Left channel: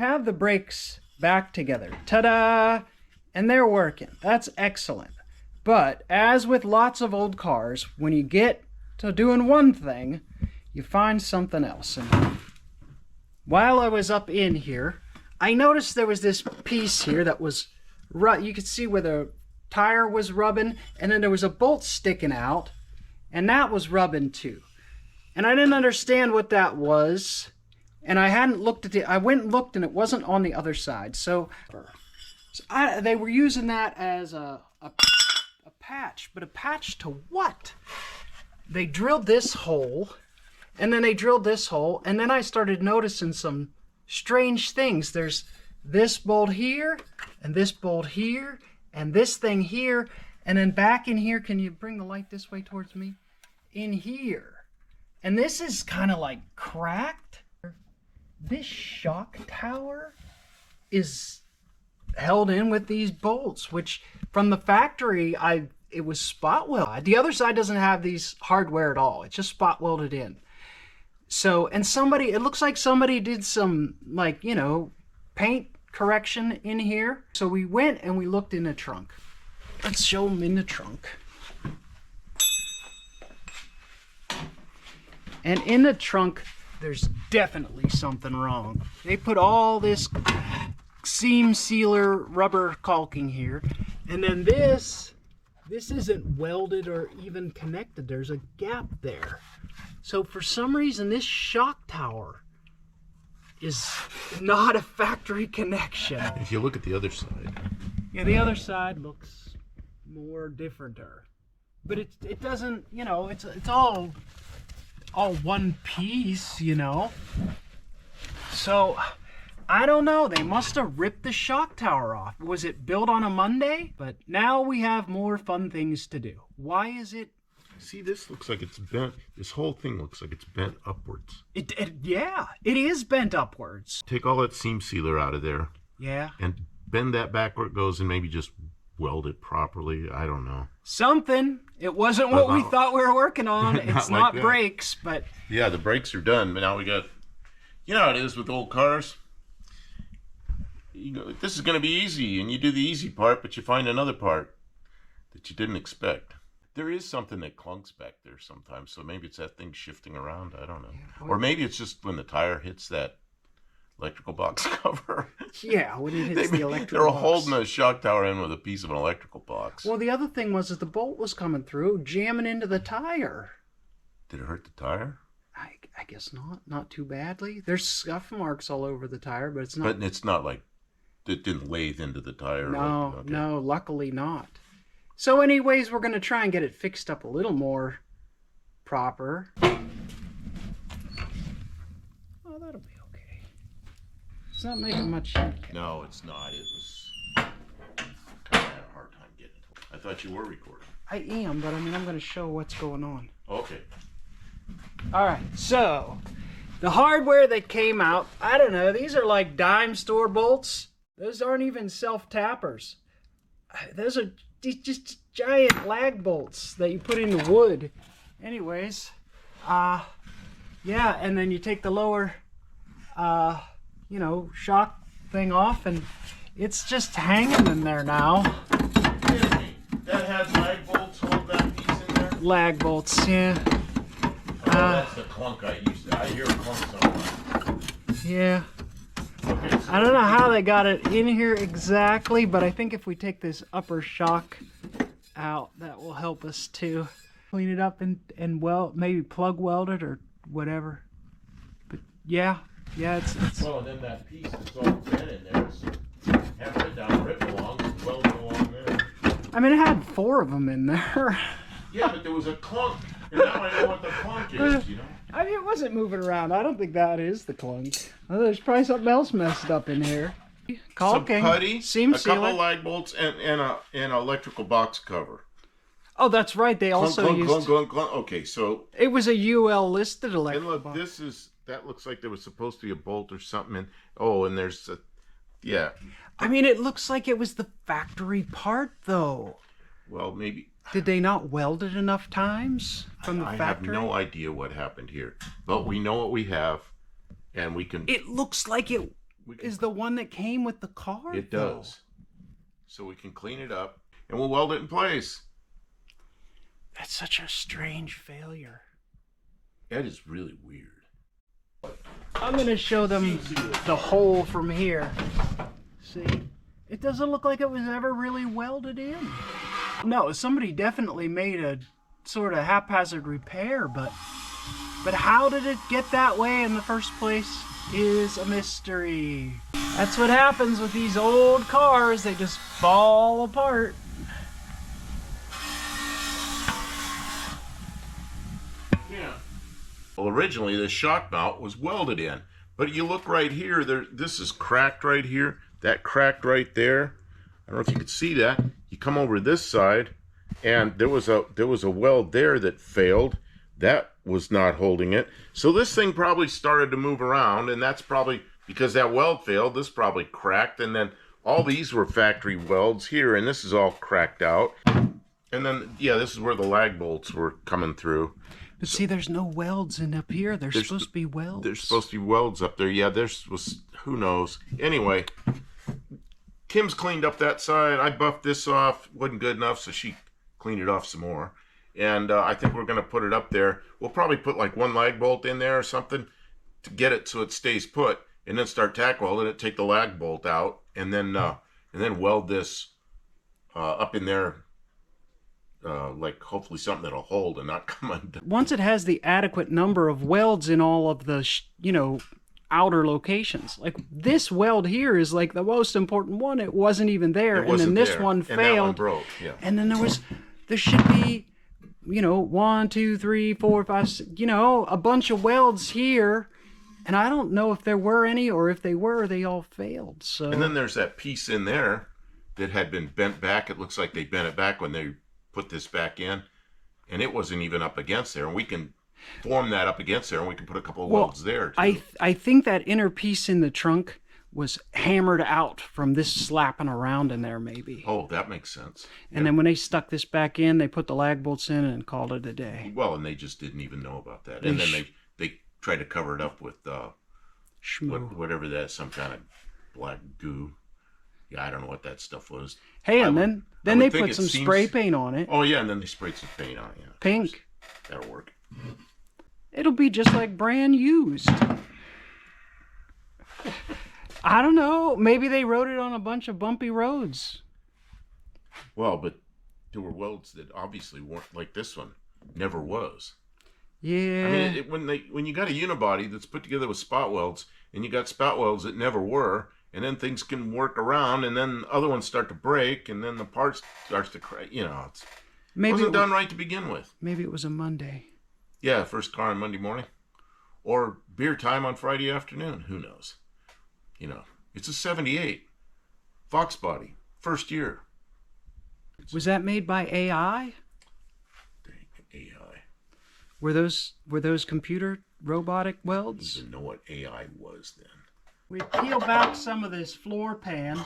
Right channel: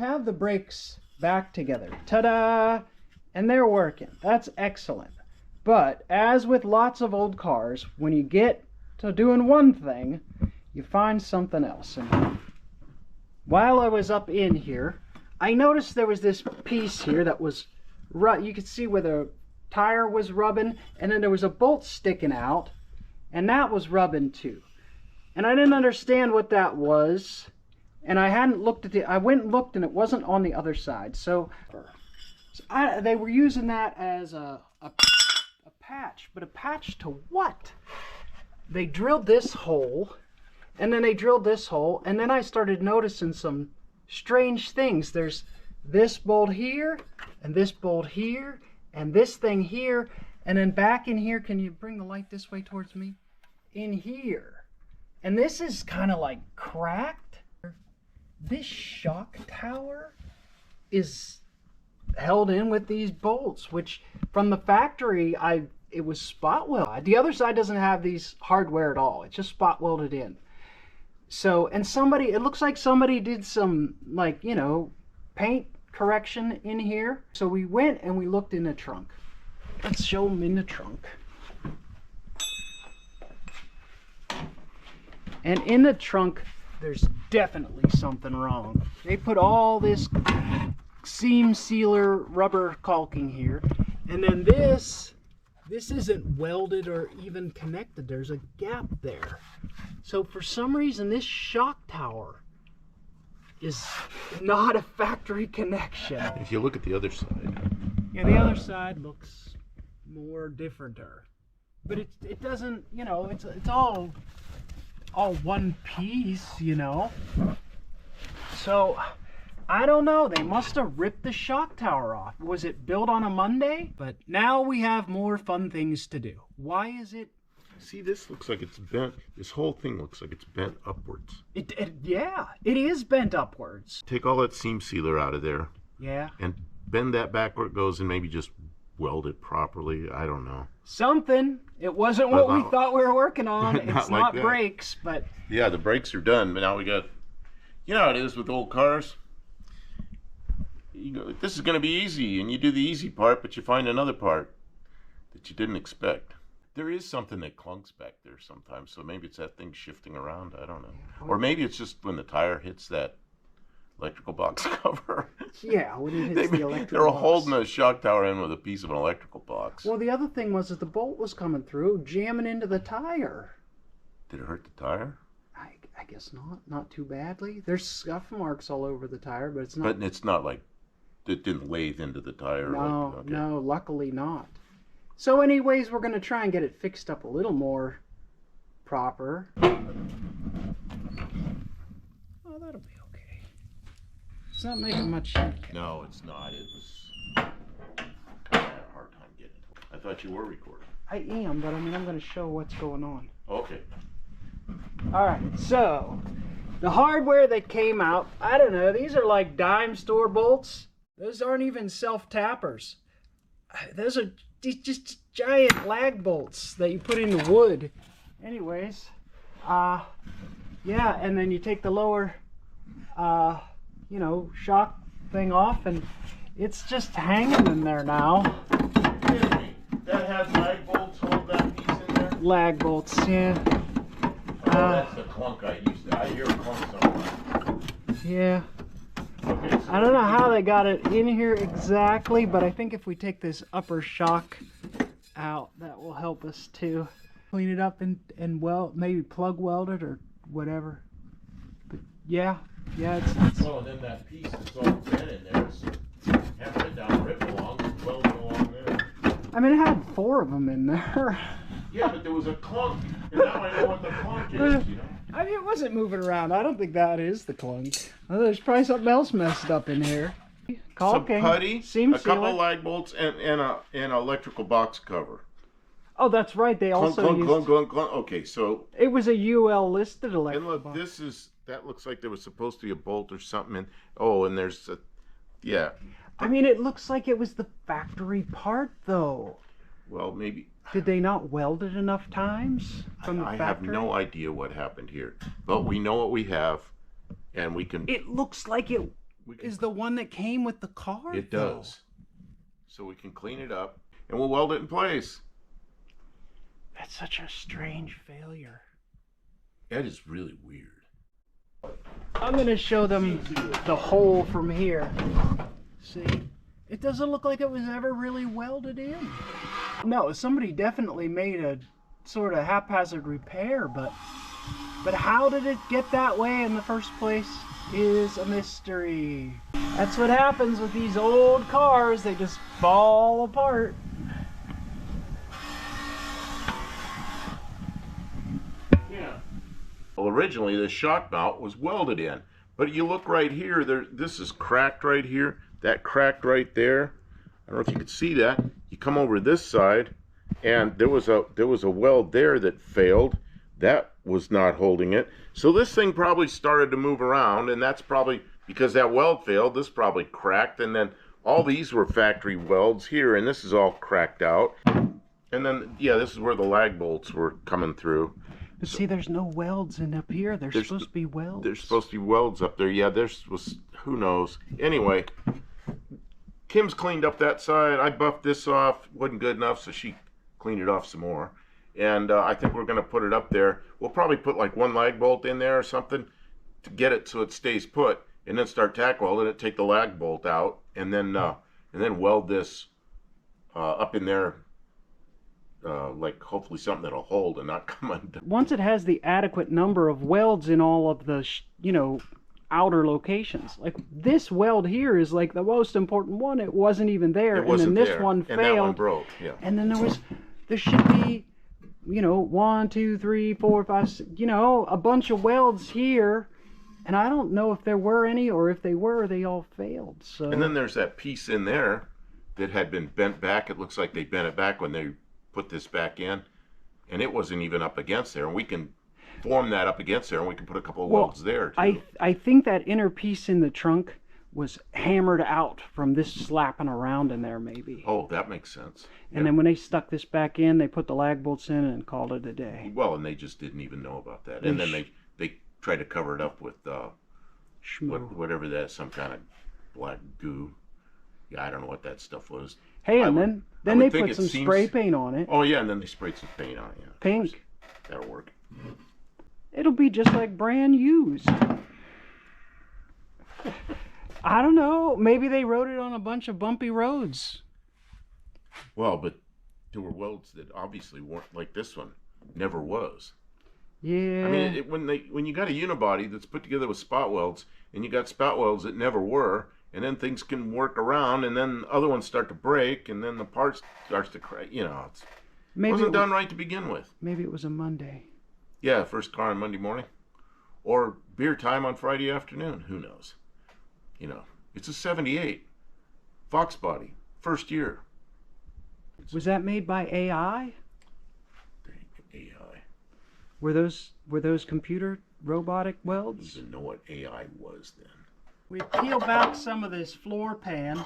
have the brakes back together. Ta-da! And they're working. That's excellent. But as with lots of old cars, when you get to doing one thing, you find something else. And while I was up in here, I noticed there was this piece here that was, you could see where the tire was rubbing, and then there was a bolt sticking out, and that was rubbing too. And I didn't understand what that was, and I hadn't looked at it. I went and looked, and it wasn't on the other side. So they were using that as a patch, but a patch to what? They drilled this hole, and then they drilled this hole, and then I started noticing some strange things. There's this bolt here, and this bolt here, and this thing here, and then back in here. Can you bring the light this way towards me? In here. And this is kind of like cracked. This shock tower is held in with these bolts, which from the factory, it was spot welded. The other side doesn't have these hardware at all. It's just spot welded in. So, and it looks like somebody did some, like, you know, paint correction in here. So we went and we looked in the trunk. Let's show them in the trunk. And in the trunk, there's definitely something wrong. They put all this seam sealer rubber caulking here. And then this isn't welded or even connected. There's a gap there. So for some reason, this shock tower is not a factory connection. If you look at the other side. Yeah, the other side looks more differenter. But it doesn't, you know, it's all one piece, you know. So I don't know, they must have ripped the shock tower off. Was it built on a Monday? But now we have more fun things to do. Why is it? See, this looks like it's bent. This whole thing looks like it's bent upwards. Yeah, it is bent upwards. Take all that seam sealer out of there. Yeah. And bend that back where it goes and maybe just weld it properly. I don't know. Something. It wasn't what we thought we were working on. It's not like brakes, but... Yeah, the brakes are done, but now we got... You know how it is with old cars? You know, this is going to be easy, and you do the easy part, but you find another part that you didn't expect. There is something that clunks back there sometimes, so maybe it's that thing shifting around. I don't know. Yeah, or maybe it's just when the tire hits that electrical box cover. Yeah, when it hits the electrical They're box. holding a shock tower in with a piece of an electrical box. Well, the other thing was that the bolt was coming through, jamming into the tire. Did it hurt the tire? I guess not. Not too badly. There's scuff marks all over the tire, but it's not... But it's not like it didn't lathe into the tire. No, okay. No, luckily not. So anyways, we're going to try and get it fixed up a little more proper. Oh, that'll be okay. It's not making much heat. No, it's not. It was... I had a hard time getting it. I thought you were recording. I am, but I mean, I'm going to show what's going on. Okay. All right, so the hardware that came out, I don't know, these are like dime store bolts. Those aren't even self-tappers. Those are just giant lag bolts that you put into wood. Anyways, yeah, and then you take the lower, you know, shock thing off, and it's just hanging in there now. That has lag bolts, hold that piece in there? Lag bolts, yeah. That's the clunk I used to. I hear a clunk somewhere. Yeah. Okay, so I don't know how they got it in here exactly, but I think if we take this upper shock out, that will help us to clean it up and weld, maybe plug weld it or whatever. But yeah, it's well, and then that piece that's all bent in there is hammer it down, rip along, weld it along there. I mean, it had 4 of them in there. Yeah, but there was a clunk, and now I know what the clunk is, you know? I mean, it wasn't moving around. I don't think that is the clunk. Oh, there's probably something else messed up in here. Caulking, some putty, seam a couple sealer. of lag bolts, and an electrical box cover. Oh, that's right. They also used... Clunk. Okay, so... It was a UL listed electrical And look, box. that looks like there was supposed to be a bolt or something. And there's a... Yeah. I mean, it looks like it was the factory part, though. Well, maybe... Did they not weld it enough times from the I factory? have no idea what happened here. But we know what we have, and we can... It looks like it is the one that came with the car. It does. So we can clean it up and we'll weld it in place. That's such a strange failure. That is really weird. I'm gonna show them the hole from here. See, it doesn't look like it was ever really welded in. No, somebody definitely made a sort of haphazard repair, but how did it get that way in the first place is a mystery. That's what happens with these old cars, they just fall apart. Yeah. Well, originally the shock mount was welded in, but you look right here, this is cracked right here, that cracked right there. I don't know if you could see that. You come over this side, and there was a weld there that failed. That was not holding it. So this thing probably started to move around, and that's probably because that weld failed. This probably cracked, and then all these were factory welds here, and this is all cracked out. And then, yeah, this is where the lag bolts were coming through. But see, there's no welds in up here. There's supposed to be welds. There's supposed to be welds up there. Yeah, who knows. Anyway, Kim's cleaned up that side. I buffed this off. Wasn't good enough, so she cleaned it off some more. And I think we're going to put it up there. We'll probably put like one lag bolt in there or something to get it so it stays put, and then start tack welding it, take the lag bolt out, and then weld this up in there, like hopefully something that'll hold and not come undone. Once it has the adequate number of welds in all of the, outer locations. Like this weld here is like the most important one. It wasn't even there. It wasn't and then this there. one failed. And that one broke, yeah. And then there should be, 1, 2, 3, 4, 5, 6, a bunch of welds here. And I don't know if there were any, or if they were, they all failed. So. And then there's that piece in there that had been bent back. It looks like they bent it back when they put this back in. And it wasn't even up against there. And we can form that up against there, and we can put a couple of welds there too. I think that inner piece in the trunk was hammered out from this slapping around in there, maybe. Oh, that makes sense. And then when they stuck this back in, they put the lag bolts in and called it a day. Well, and they just didn't even know about that. And then they tried to cover it up with whatever that, some kind of black goo. Yeah, I don't know what that stuff was. Hey, and then they put some spray paint on it. Oh yeah, and then they sprayed some paint on it. Yeah, pink. That'll work. It'll be just like brand used. I don't know. Maybe they rode it on a bunch of bumpy roads. Well, but there were welds that obviously weren't like this one. Never was. Yeah. I mean, when you got a unibody that's put together with spot welds, and you got spot welds that never were, and then things can work around, and then other ones start to break, and then the parts starts to crack. It wasn't done right to begin with. Maybe it was a Monday. Yeah, first car on Monday morning, or beer time on Friday afternoon. Who knows? It's a '78 Fox body, first year. Was that made by AI? AI. Were those computer robotic welds? I didn't even know what AI was then. We peel back some of this floor pan,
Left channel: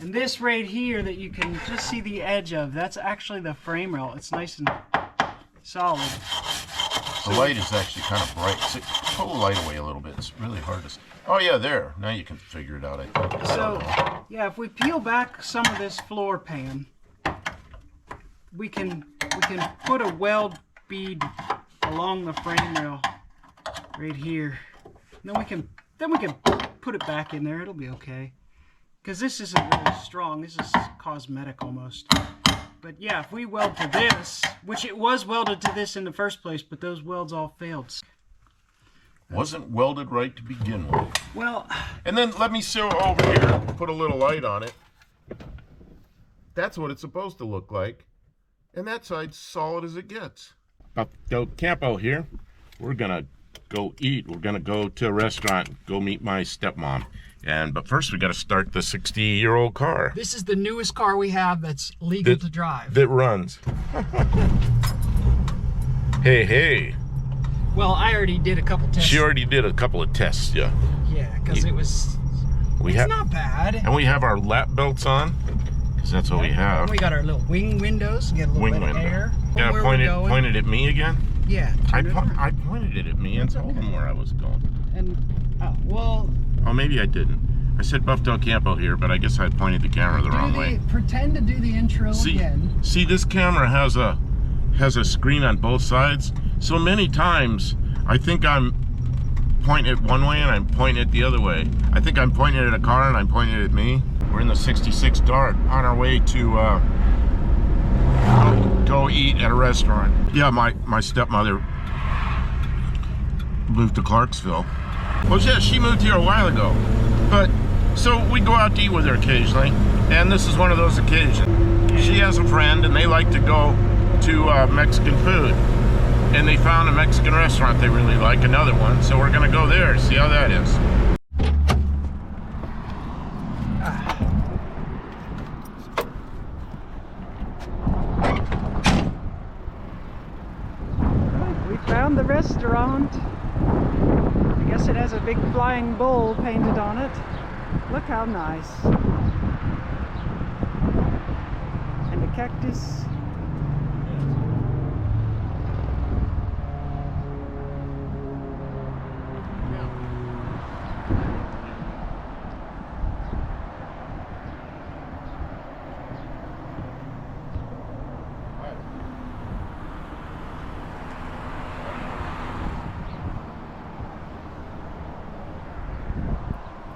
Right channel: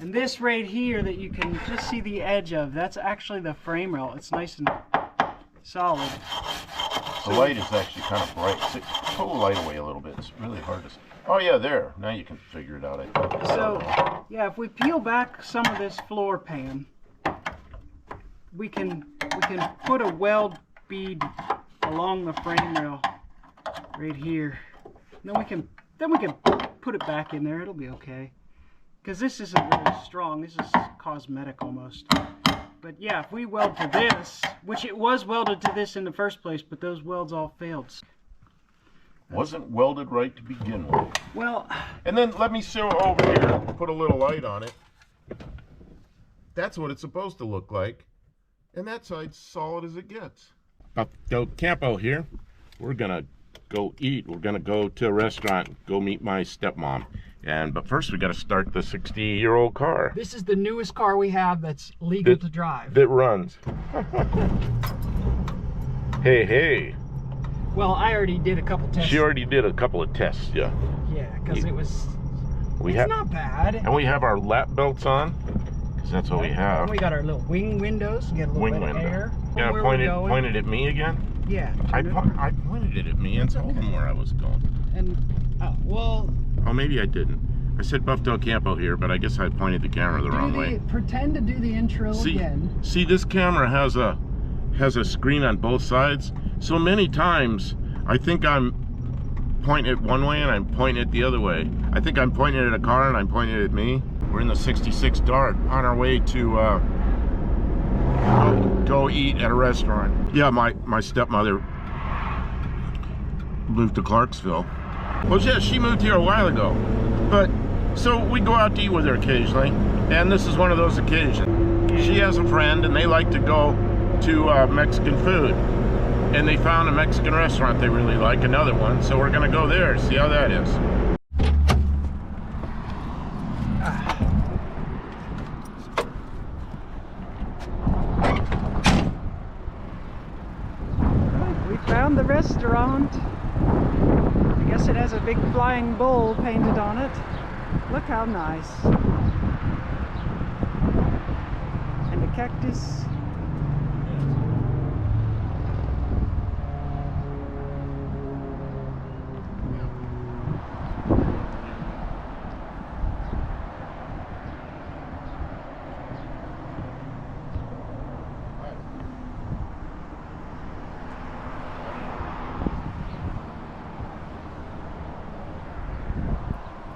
and this right here that you can just see the edge of, that's actually the frame rail. It's nice and solid. The light is actually kind of bright. So pull the light away a little bit. It's really hard to see. Oh yeah, there. Now you can figure it out, I think. So, yeah, if we peel back some of this floor pan, we can put a weld bead along the frame rail right here. And then we can put it back in there. It'll be okay. Because this isn't really strong. This is cosmetic almost. But yeah, if we weld to this, which it was welded to this in the first place, but those welds all failed. Wasn't welded right to begin with. Well, and then let me show over here, put a little light on it. That's what it's supposed to look like. And that side's solid as it gets. About to go camp out here. We're gonna go eat. We're gonna go to a restaurant, go meet my stepmom. But first we gotta start the 60-year-old car. This is the newest car we have that's legal to drive. That runs. Hey. Well, I already did a couple tests. She already did a couple of tests, yeah. Yeah, because it's not bad. And we have our lap belts on, because that's what we have. And we got our little wing windows to get a little bit of air. Yeah, pointed at me again? Yeah. I pointed it at me and told him where I was going. And, well... Oh, maybe I didn't. I said Buffdale Camp out here, but I guess I pointed the camera the wrong way. Pretend to do the intro again. See, this camera has a screen on both sides. So many times, I think I'm pointing it one way and I'm pointing it the other way. I think I'm pointing at a car and I'm pointing it at me. We're in the 66 Dart on our way to go eat at a restaurant. Yeah, my stepmother moved to Clarksville. Well, yeah, she moved here a while ago. But, so we go out to eat with her occasionally, and this is one of those occasions. She has a friend, and they like to go to Mexican food. And they found a Mexican restaurant they really like, another one, so we're gonna go there, see how that is. We found the restaurant. I guess it has a big flying bull painted on it. Look how nice. And a cactus.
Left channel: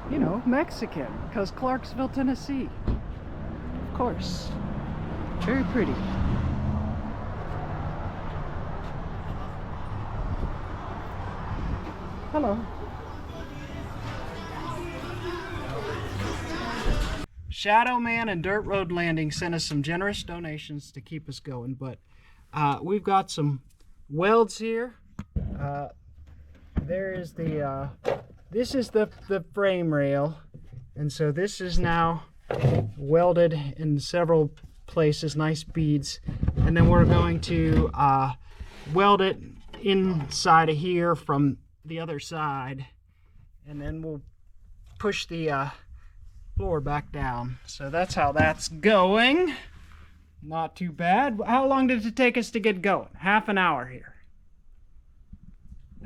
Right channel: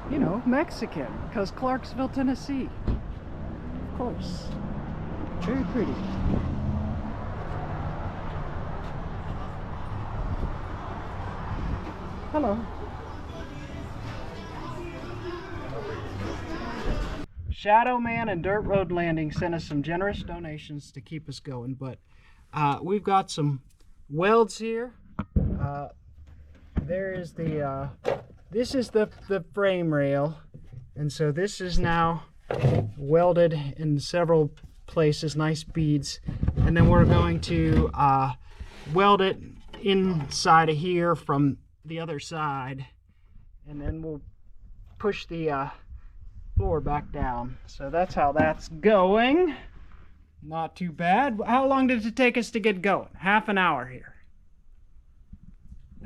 You know, Mexican, because Clarksville, Tennessee. Of course. Very pretty. Hello. Shadow Man and Dirt Road Landing sent us some generous donations to keep us going, but we've got some welds here. There is the this is the frame rail, and so this is now welded in several places, nice beads, and then we're going to weld it inside of here from the other side, and then we'll push the floor back down. So that's how that's going. Not too bad. How long did it take us to get going? Half an hour here.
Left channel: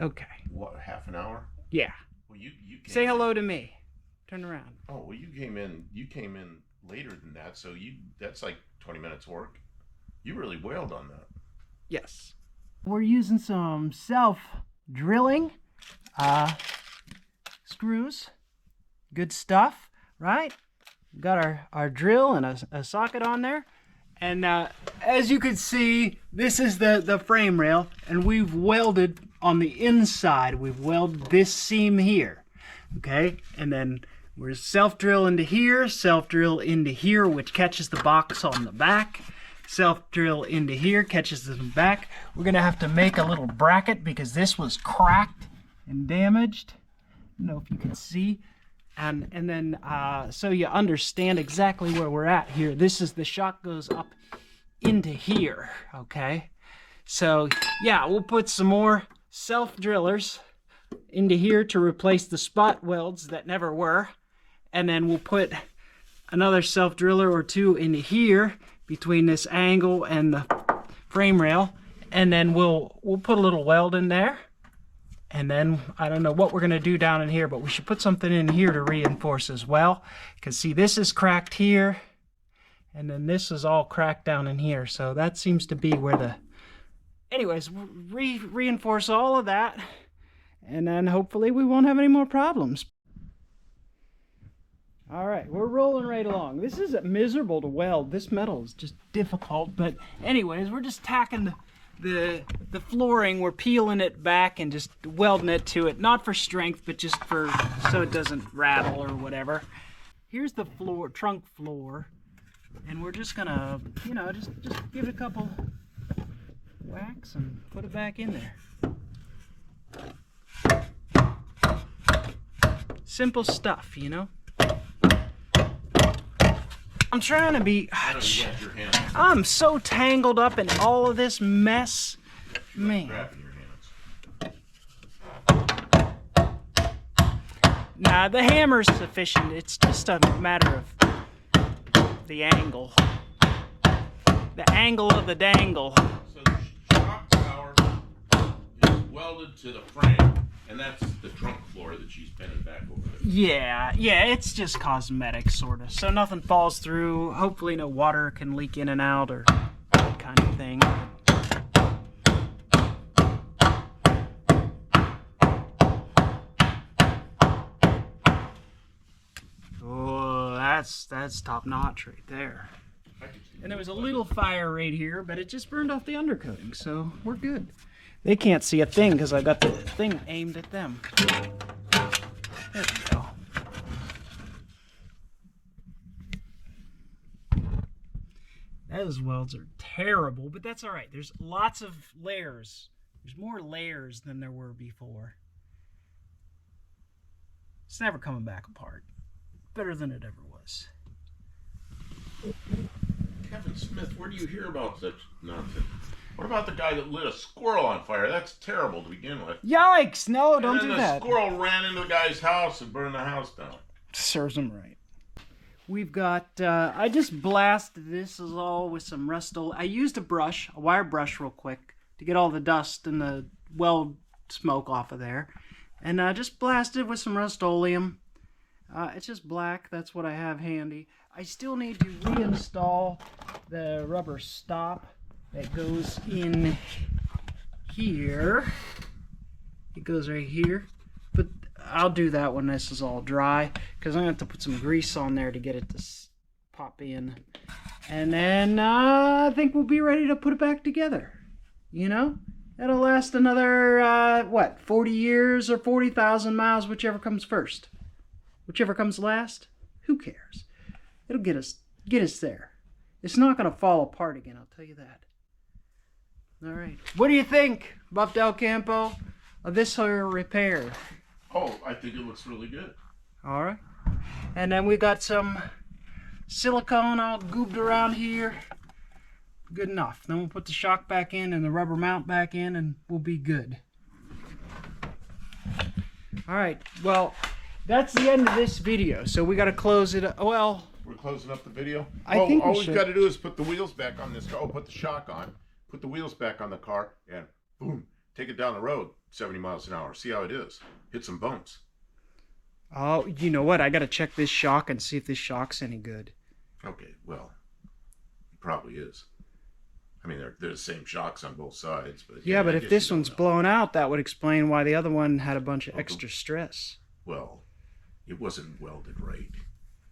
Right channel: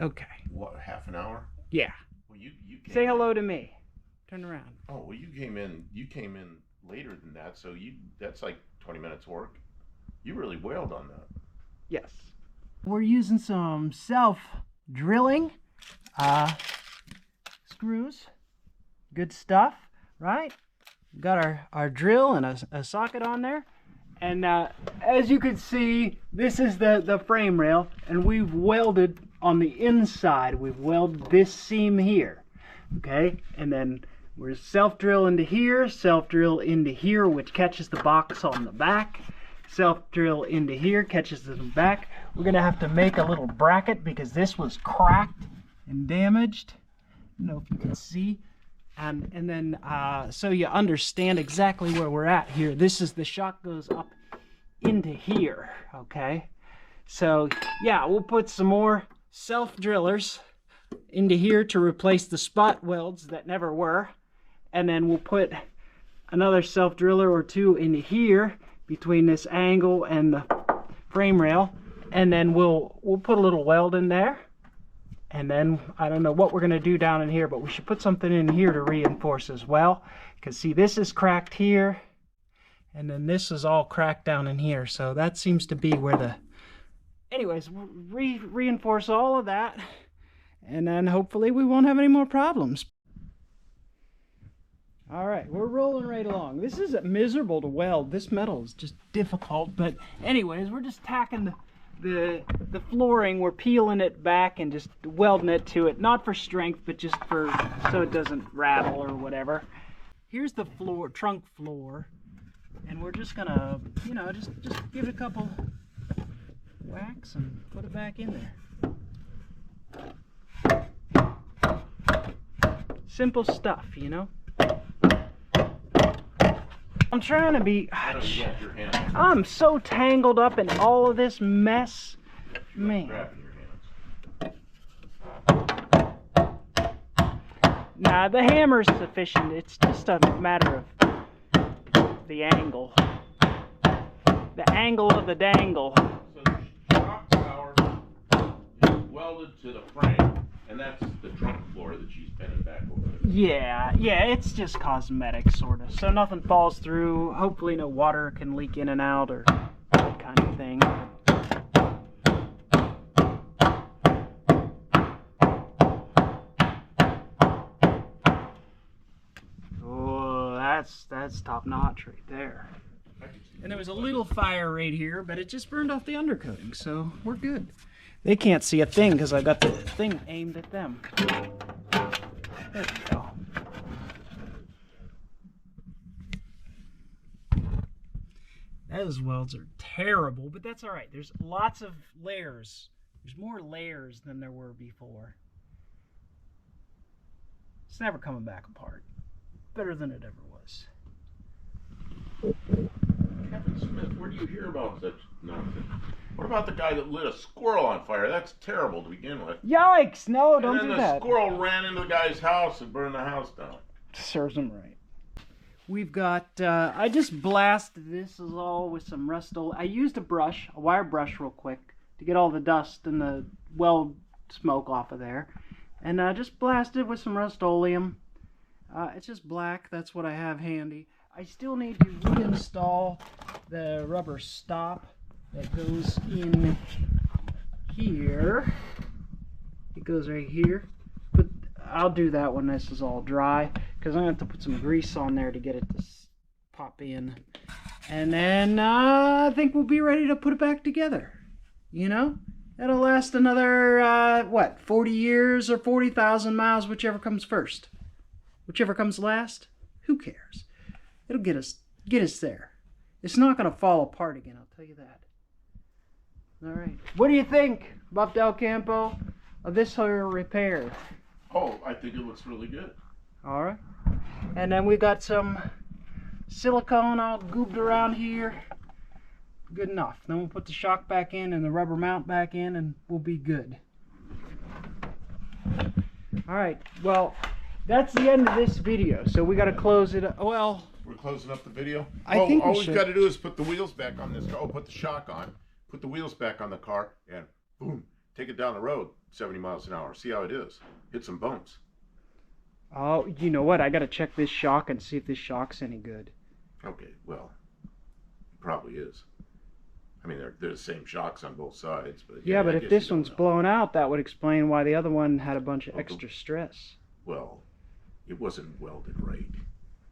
Okay. What, half an hour? Yeah. Well, you say hello to me. Turn around. Oh, well, you came in later than that, so that's like 20 minutes work. You really wailed on that. Yes. We're using some self-drilling screws. Good stuff, right? Got our drill and a socket on there. And as you can see, this is the frame rail, and we've welded on the inside. We've welded this seam here, okay? And then we're self-drill into here, self-drill into here, which catches the box on the back. Self-drill into here, catches the back. We're gonna have to make a little bracket because this was cracked and damaged. I don't know if you can see. And then, so you understand exactly where we're at here. This is the shock goes up into here, okay? So, yeah, we'll put some more self-drillers into here to replace the spot welds that never were. And then we'll put another self-driller or two into here between this angle and the frame rail. And then we'll put a little weld in there. And then, I don't know what we're going to do down in here, but we should put something in here to reinforce as well. Because, see, this is cracked here, and then this is all cracked down in here. So that seems to be where the... Anyways, reinforce all of that, and then hopefully we won't have any more problems. All right, we're rolling right along. This is miserable to weld. This metal is just difficult, but anyways, we're just tacking the flooring. We're peeling it back and just welding it to it, not for strength, but just for so it doesn't rattle or whatever. Here's the floor, trunk floor, and we're just gonna, you know, just give it a couple whacks and put it back in there. Simple stuff, you know. I'm trying to be... I'm so tangled up in all of this mess. Man. Nah, the hammer's sufficient. It's just a matter of the angle. The angle of the dangle. So the shock tower is welded to the frame, And that's the trunk floor that she's bending back over there. Yeah, it's just cosmetic, sort of. So nothing falls through. Hopefully no water can leak in and out or that kind of thing. Oh, that's top notch right there. And there was a little fire right here, but it just burned off the undercoating, so we're good. They can't see a thing because I got the thing aimed at them. There we go. Those welds are terrible, but that's all right. There's lots of layers. There's more layers than there were before. It's never coming back apart. Better than it ever was. Kevin Smith, where do you hear about such nonsense? What about the guy that lit a squirrel on fire? That's terrible to begin with. Yikes! No, don't do And then that. the squirrel ran into the guy's house and burned the house down. Serves him right. We've got, I just blasted this is all with some Rust-Oleum. I used a brush, a wire brush real quick to get all the dust and the weld smoke off of there. And just blasted with some Rust-Oleum. It's just black, that's what I have handy. I still need to reinstall the rubber stop that goes in here. It goes right here. But I'll do that when this is all dry, because I'm going to have to put some grease on there to get it to pop in. And then I think we'll be ready to put it back together. You know? That'll last another, 40 years or 40,000 miles, whichever comes first. Whichever comes last, who cares? It'll get us there. It's not going to fall apart again, I'll tell you that. All right. What do you think, Buff Del Campo, of this here repair? Oh, I think it looks really good. All right. And then we got some silicone all goobed around here. Good enough. Then we'll put the shock back in and the rubber mount back in and we'll be good. All right. Well, that's the end of this video. So we got to close it up. Well, we're closing up the video? I think all we we've should. got to do is put the wheels back on this car. Oh, put the shock on. Put the wheels back on the car and boom, take it down the road 70 miles an hour. See how it is. Hit some bumps. Oh, you know what? I got to check this shock and see if this shock's any good. Okay, well, it probably is. I mean, they're the same shocks on both sides. But Yeah, but I if guess this you don't one's know. blown out, that would explain why the other one had a bunch of extra stress. Well, it wasn't welded right.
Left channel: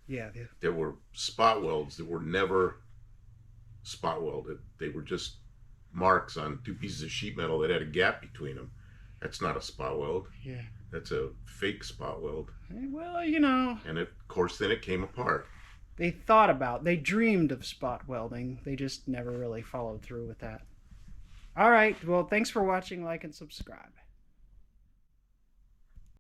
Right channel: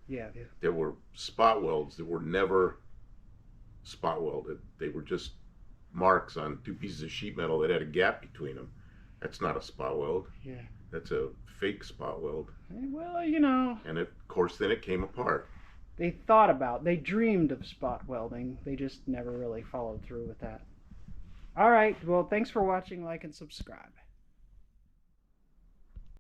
Yeah. There were spot welds that were never spot welded. They were just marks on two pieces of sheet metal that had a gap between them. That's not a spot weld. Yeah. That's a fake spot weld. Well, you know. And of course, then it came apart. They dreamed of spot welding. They just never really followed through with that. All right. Well, thanks for watching. Like and subscribe.